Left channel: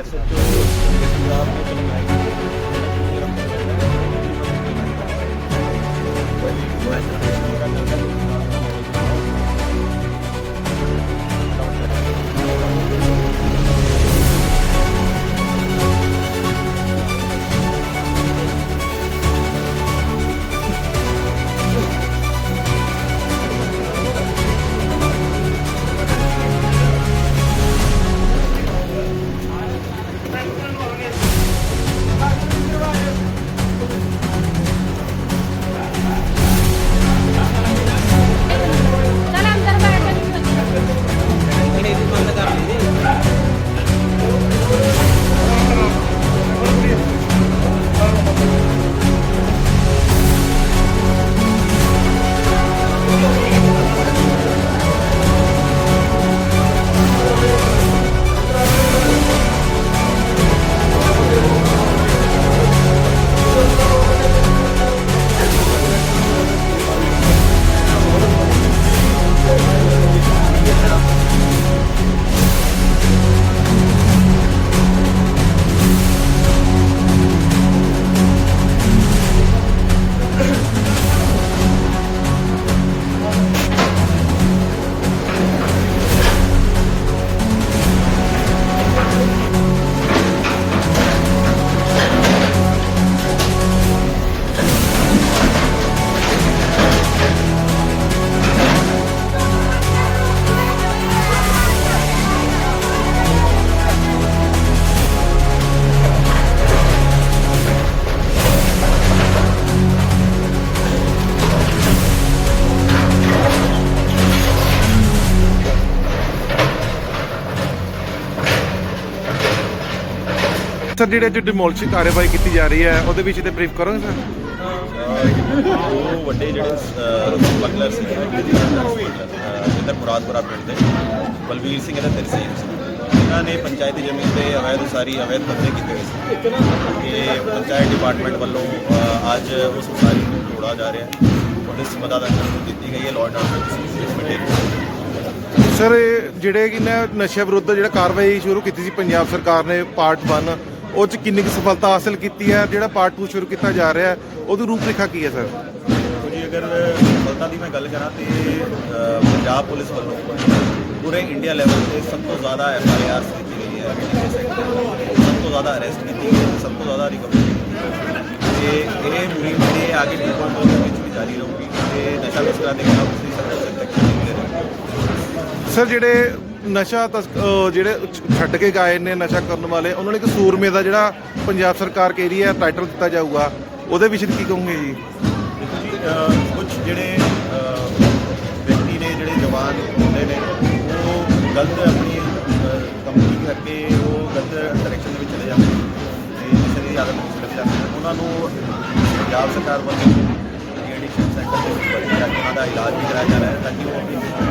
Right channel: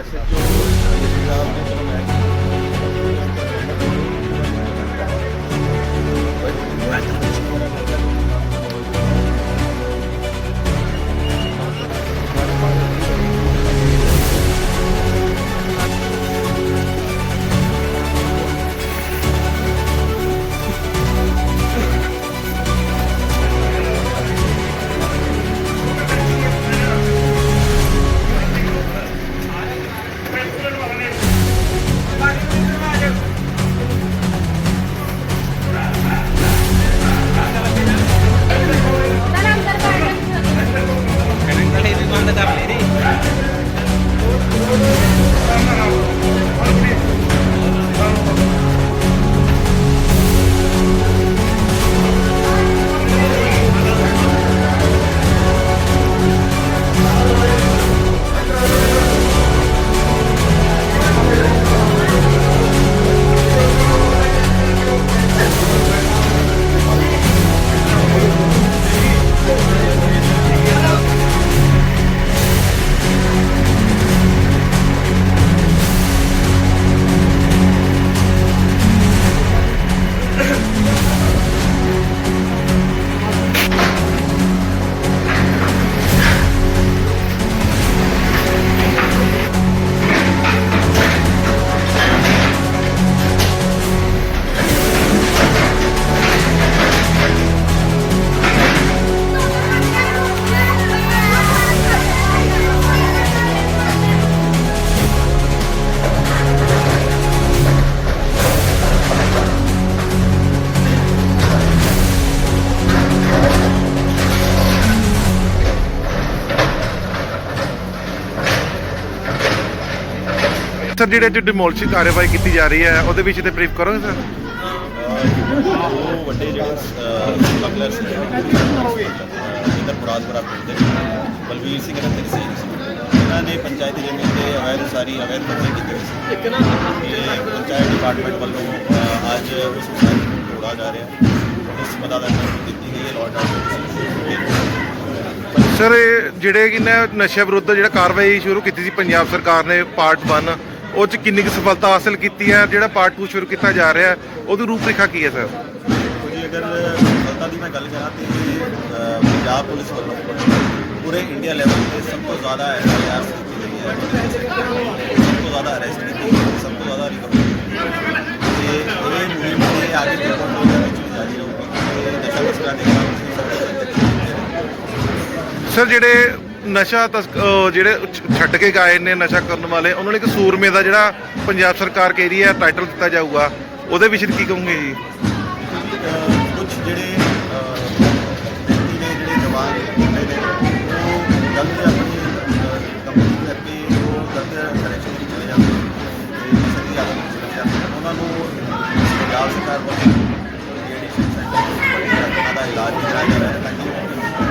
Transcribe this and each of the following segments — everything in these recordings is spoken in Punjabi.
ਐਸਐਚਓ ਸਾਹਿਬ ਨੇ ਚਲੋ ਮੈਂ ਸਰ ਜਿਹੜੇ ਅੱਜ ਡਿਮੋਲਿਸ਼ ਕਾਰਵਾਈ ਕੀਤੀ ਜਾ ਰਹੀ ਹੈ ਉਹਦੇ ਵਿੱਚ ਤੇ ਬਰੀਫ ਕਰੋਗੇ ਸਰ? ਦੋ ਵੱਡੇ ਜਿਹੜੇ ਸਮਗਲਰ ਸੀ ਇਧਰ ਮੁਰਾਦਪੁਰਾ ਪਿੰਡ ਦੇ ਬਲਵੀਰ ਸਿੰਘ ਅਤੇ ਤਰਸੀਮ ਸਿੰਘ ਇਹਨਾਂ ਨੇ ਪੰਚਾਇਤੀ ਜ਼ਮੀਨ ਤੇ ਅਵੈਧ ਉਸਾਰੀ ਅਵੈਧ ਕਬਜ਼ੇ ਕੀਤੇ ਹੋਏ ਸੀ। ਤੇ ਪੰਚਾਇਤ ਡਿਪਾਰਟਮੈਂਟ ਵੱਲੋਂ ਅ, ਅੱਜ ਉਸ ਉਸਾਰੀ ਨੂੰ ਤੋੜਾ ਜਾ ਰਿਹਾ। ਹੈ ਪੁਲਿਸ ਮਦਦ ਦਿੱਤੀ ਗਈ ਹੈ ਲਾਅ ਐਂਡ ਆਰਡਰ ਸਰ ਇਹ ਜਿਹੜੇ ਕਿ ਨਾ ਨਸ਼ੇ ਵਿਰੁੱਧ ਜਿਹੜਾ ਕਾਰਵਾਈ ਸ਼ੁਰੂ ਕੀਤੀ ਸੀ ਪੰਜਾਬ ਸਰਕਾਰ ਨੇ ਪਾਰਟ 1 ਉਹ ਚ ਕਿੰਨੀ ਕੁ ਸਫਲਤਾ ਹਾਸਲ ਕੀਤੀ ਹੈ ਜਿਹੜਾ ਪਾਰਟ 2 ਸ਼ੁਰੂ ਕੀਤਾ ਜਾ ਰਿਹਾ ਹੈ ਉਹਦੀ ਰੂਪਰੇਖਾ ਕੀ ਹੈ ਸਰ? ਜੀ ਅਗਰ ਸਫਲਤਾ ਦੀ ਮੈਂ ਗੱਲ ਕਰਾਂ ਤੇ ਪੰਜਾਬ ਪੁਲਿਸ ਵੱਲੋਂ ਪੂਰੇ ਇੰਡੀਆ ਲੈਵਲ ਤੇ ਸਭ ਤੋਂ ਜ਼ਿਆਦਾ ਐਫਆਈਆਰ ਕੀਤੀ ਗਈ ਹੈ ਸਭ ਤੋਂ ਜ਼ਿਆਦਾ ਅਰੈਸਟ ਕੀਤੀ ਗਈ ਹੈ ਸਭ ਤੋਂ ਜ਼ਿਆਦਾ ਰਿਕਵਰੀ ਕੀਤੀ ਤੇ ਇਹ ਮੁਹਿੰਮ ਤੇ ਆਗੇ ਵੀ ਬਹੁਤ ਦੇ ਵਿੱਚ ਵੀ ਜਾਰੀ ਰਹੂਗੀ। ਤੇ ਨਸ਼ਾ ਤਸਕਰਾਂ ਦੇ ਖਿਲਾਫ ਸਰ ਜਿਹੜੇ ਨਸ਼ਾ ਤਸਕ ਅਹ ਜਿਹੜੇ ਛ- ਛੱਡ ਕੇ ਗਏ ਨੇ ਨਸ਼ਾ ਕਰਨ ਵਾਲੇ ਉਹਨਾਂ ਨੂੰ ਇੱਕ ਸੂਰਮੇ ਦਾ ਜਿਹੜਾ ਪੰਜਾਬ ਸਰਕਾਰ ਕਹਿ ਰਹੀ ਹੈ ਟਾਈਟਲ ਦਿੱਤਾ ਜਾਊਗਾ। ਉਹਦੇ ਵਿੱਚ ਕੀ ਕਹੋਗੇ ਜੀ? ਦੇਖੋ ਕੁਝ ਜਿਹੜੇ ਅ, ਵਿਅਕਤੀ ਨੇ ਜਿਹੜੇ ਜਵਾਨ ਹੁੰਦੇ ਨੇ ਉਹ ਗਲਤ ਆਪਣੀ ਕੰਪਨੀ ਕਰਕੇ ਉਹ ਗਲਤ ਡਾਇਰੈਕਸ਼ਨ ਵਿੱਚ ਚਲੇ ਜਾਂਦੇ ਨੇ। ਤੇ ਨਸ਼ੇ ਦੀ ਆਦਤ ਵਿੱਚ ਚਲੇ ਜਾਂਦੇ। ਨੇ ਉਹਨਾਂ ਨੂੰ ਪੰਜਾਬ ਸਰਕਾਰ ਵੱਲੋਂ ਐਡੀਸ਼ਨ ਸੈਂਟਰ ਤੋਂ ਬੜੀ ਉਹਨਾਂ ਦਾ ਇਲਾਜ ਵੀ ਕਰਾਇਆ ਜਾ ਰਿਹਾ ਹੈ ਤਾਂ ਕਿ ਉਹ ਆਪਣੀ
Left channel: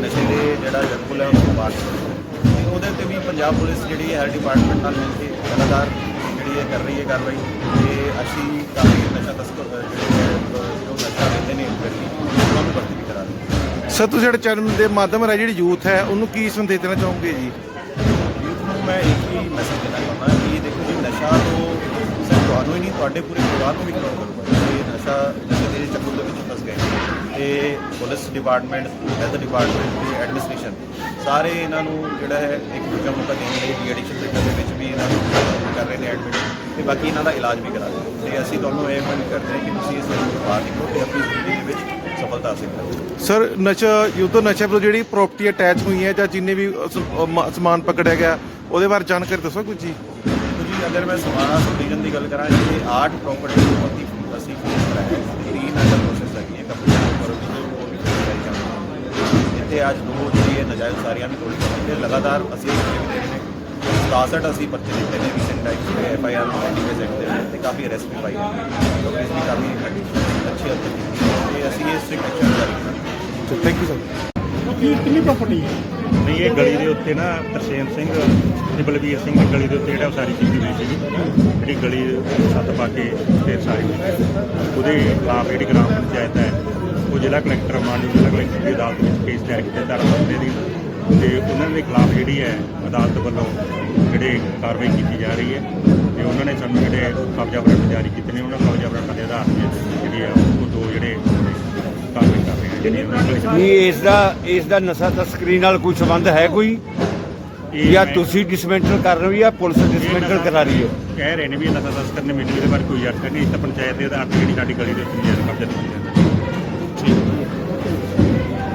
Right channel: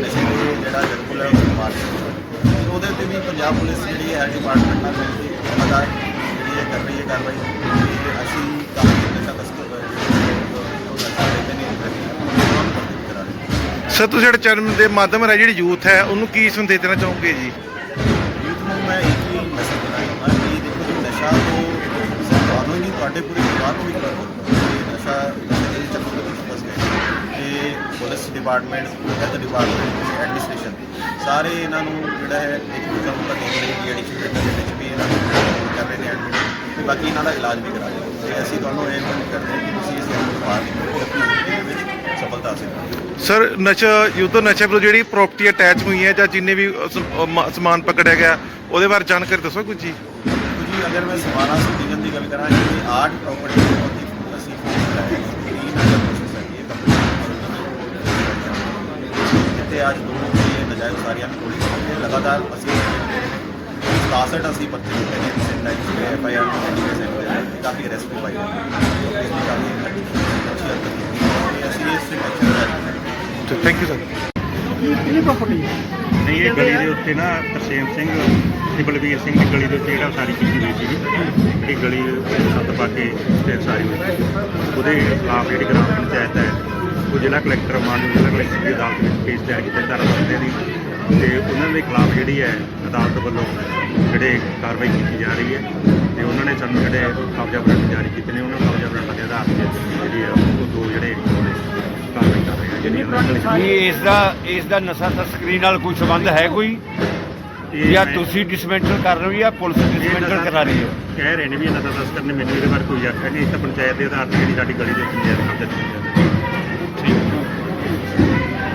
ਨਸ਼ੇ ਦੇ ਜਿਹੜਾ ਜਰਕੁਲ ਹੈ ਉਸ ਨੂੰ ਮਾਰ ਸਕਣ ਤੇ ਉਹਦੇ ਤੇ ਵੀ ਪੰਜਾਬ ਪੁਲਿਸ ਜਿਹੜੀ ਹੈ ਡਿਪਾਰਟਮੈਂਟ ਨਾਲ ਮਿਲ ਕੇ ਲਗਾਤਾਰ ਜਿਹੜੀ ਹੈ ਕਰ ਰਹੀ ਹੈ ਕਾਰਵਾਈ। ਤੇ ਅਸੀਂ ਕਾਫੀ ਨਸ਼ਾ ਤਸਕਰ ਜਿਹੜੇ ਜੋ ਨਸ਼ਾ ਲੈਂਦੇ ਨੇ ਉਹਨਾਂ ਨੂੰ ਕਰਾ ਰਹੇ ਸਰ ਤੁਸੀਂ ਜਿਹੜੇ ਚੈਨਲ ਦੇ ਮਾਧਿਅਮ ਰਾਹੀਂ ਜਿਹੜੀ ਯੂਥ ਹੈ ਉਹਨੂੰ ਕੀ ਸੰਦੇਸ਼ ਦੇਣਾ ਚਾਹੋਗੇ ਜੀ? ਯੂਥ ਨੂੰ ਮੈਂ ਇੱਕ ਹੀ ਮੈਸੇਜ ਦੇਣਾ ਚਾਹੁੰਦਾ ਕਿ ਦੇਖੋ ਜੀ ਨਸ਼ਾ ਤੋਂ ਤੁਹਾਨੂੰ ਨਹੀਂ ਤੁਹਾਡੇ ਪੂਰੇ ਪਰਿਵਾਰ ਨੂੰ ਵੀ ਕਰੂਗਾ। ਇਹ ਨਸ਼ਾ ਦੇ ਚੱਕਰ ਦੇ ਵਿੱਚ ਫਸ ਗਏ police department health department administration ਸਾਰੇ ਇਹਨਾਂ ਨੂੰ ਜਿਹੜਾ ਹੈ ਇੱਕ ਦੂਜਾ ਮੌਕਾ ਦੇਣ ਲਈ ਡੀ ਐਡਿਕਸ਼ਨ ਦੇ ਵਿੱਚ ਵੀ ਇਹਨਾਂ ਨੂੰ ਕਰ ਰਹੇ ਨੇ ਐਡਮਿਟ ਤੇ ਬਾਕੀ ਇਹਨਾਂ ਦਾ ਇਲਾਜ ਵੀ ਕਰਾ ਰਹੇ ਨੇ। ਤੇ ਅਸੀਂ ਤੁਹਾਨੂੰ ਇਹ ਮੰਗ ਕਰਦੇ ਹਾਂ ਕਿ ਤੁਸੀਂ ਇਸ ਤੋਂ ਬਾਹਰ ਨਿਕਲੋ ਤੇ ਆਪਣੀ ਜ਼ਿੰਦਗੀ ਵਿੱਚ ਸਫਲਤਾ ਹਾਸਲ ਕਰੋ। ਸਰ ਨਸ਼ਾ ਯੂਥ ਨਸ਼ੇ ਵਿਰੁੱਧ ਜਿਹੜੀ ਪ੍ਰਾਪਰਟੀ ਅਟੈਚ ਹੋਈ ਹੈ ਜਾਂ ਜਿੰਨੇ ਵੀ ਸਮਾਨ ਪਕੜਿਆ ਗਿਆ ਉਹਦੇ ਬਾਰੇ ਜਾਣਕਾਰੀ ਦੱਸੋ ਕੁਝ ਜੀ। ਜੀ ਅਗਰ ਮੈਂ ਸਮਾਨਾ ਸੁਡੀਗਨ ਦੀ ਗੱਲ ਕਰਾਂ ਜੀ ਆਰਟ ਪ੍ਰਾਪਰਟੀ ਬਹੁਤ ਹੀ ਅਸੀਂ ਗ੍ਰੀਨ ਅੰਡਰ ਪ੍ਰੋਸੈਸ ਹੈ ਇੱਥੇ ਅੱਜ ਦੋ ਜਿਹੜੀ ਇਹ ਨਜਾਇਜ਼ ਸਾਰੀਆਂ ਵੀ ਹੋਈ ਤੇ ਲਗਾਤਾਰ ਅਸੀਂ 67 ਅਸੀਂ ਪਰਚੇ ਦਿੱਤੇ ਨੇ ਰੀਸੈਂਟ ਟਾਈਮ ਤੇ ਐਫ ਆਈ ਆਰ ਤੇ ਕਾਫੀ ਅਰੈਸਟ ਵੀ ਪਾਈ ਹੈ। ਜੋ ਕਿ ਇਸ ਦੀ ਕਾਫੀ ਅੱਛੀ ਹੱਦ ਤੱਕ ਕੀਤੀ ਹੈ ਤੇ ਅਸੀਂ ਇਸ ਸਿੱਖ ਜਾਰੀ ਕਰਾਂਗੇ। ਥੈਂਕ ਯੂ ਸਰ ਕਿੰਨੀ ਪ੍ਰਾਪਰਟੀ ਨਹੀਂ ਇਹ ਗਲੀ ਦੇ ਉੱਤੇ ਨਾ ਤਰਸੇਮ ਸਿੰਘ ਤੇ ਬਲਵੀਰ ਸਿੰਘ ਦੀ ਗਲੀ ਦੇ ਉੱਤੇ ਜਿਹੜਾ ਸਾਰੀ ਕੀਤੀ ਹੋਈ ਸੀ ਇਹ ਗਲੀ ਸੱਤ ਪਾ ਕੇ ਤੇ ਸਾਰੀ ਹੋਈ। ਸੀ। ਉਹਦੇ ਖਿਲਾਫ ਜਿਹੜੀ ਗ੍ਰਾਮ ਪੰਚਾਇਤ ਹੈ ਉਹ ਜ਼ਿਲ੍ਹਾ ਕਲੈਕਟਰ ਮਾਨਯੋਗ ਜ਼ਿਲ੍ਹਾ ਕਲੈਕਟਰ ਦੀ ਅਦਾਲਤ ਵਿੱਚ ਕੇਸ ਦਾਇਰ ਕੀਤਾ ਚਾਰ ਬੰਦੇ ਦੀ। ਤੇ ਉਹਨਾਂ ਦੇ ਖਿਲਾਫ ਜਿਹੜੀ ਹੈ ਅਦਾਲਤ ਵੱਲੋਂ ਜਿਹੜੇ ਕਾਰਵਾਈ ਕੀਤੀ ਜਾ ਰਹੀ ਹੈ। ਤੇ ਉਹਨਾਂ ਨੇ ਸਾਨੂੰ ਜਿਹੜੇ ਕਬਜ਼ਾ ਵਾਰੰਟ ਜਾਰੀ ਕੀਤੇ ਨੇ ਉਹਨਾਂ ਕਬਜ਼ਾ ਵਾਰੰਟਾਂ ਦੇ ਆਧਾਰ ਤੇ ਜਿਹੜੀ ਹੈ ਉਹ ਦੋ ਜਿਹੜੇ ਕਾਰਵਾਈ ਕਰ ਰਹੇ ਨੇ। ਇਸ ਦਾ ਇਸ ਦਾ ਨਸ਼ਾ ਤਸਕਰੀ ਨਾਲ ਕੋਈ ਸੰਬੰਧ ਹੈ ਕੋਈ? ਇਹ ਜਾਂ ਤੁਸੀਂ ਡਿਸਮੈਂਟਲ ਕਰ ਰਹੇ ਹੋ ਜਾਂ ਪੁਲਿਸ ਡਿਸਮੈਂਟਲ ਕਰਾ ਰਹੀ ਹੈ? ਕਹਿ ਰਹੇ ਨੇ ਵੀ ਇਹਨਾਂ ਦਾ ਤਸਕਰ ਨੇ ਮੈਨੂੰ ਇਹਦੇ ਬਾਰੇ ਕੋਈ ਆਖਿਆ ਨਹੀਂ। ਇਸ ਤਾਂ ਪੰਚਾਇਤ ਦੇ ਆਧਾਰ ਤੇ ਜਿਹੜੀ ਸਾਡੀ ਗਲੀ ਦੇ ਕਬਜ਼ਾ ਕੀਤਾ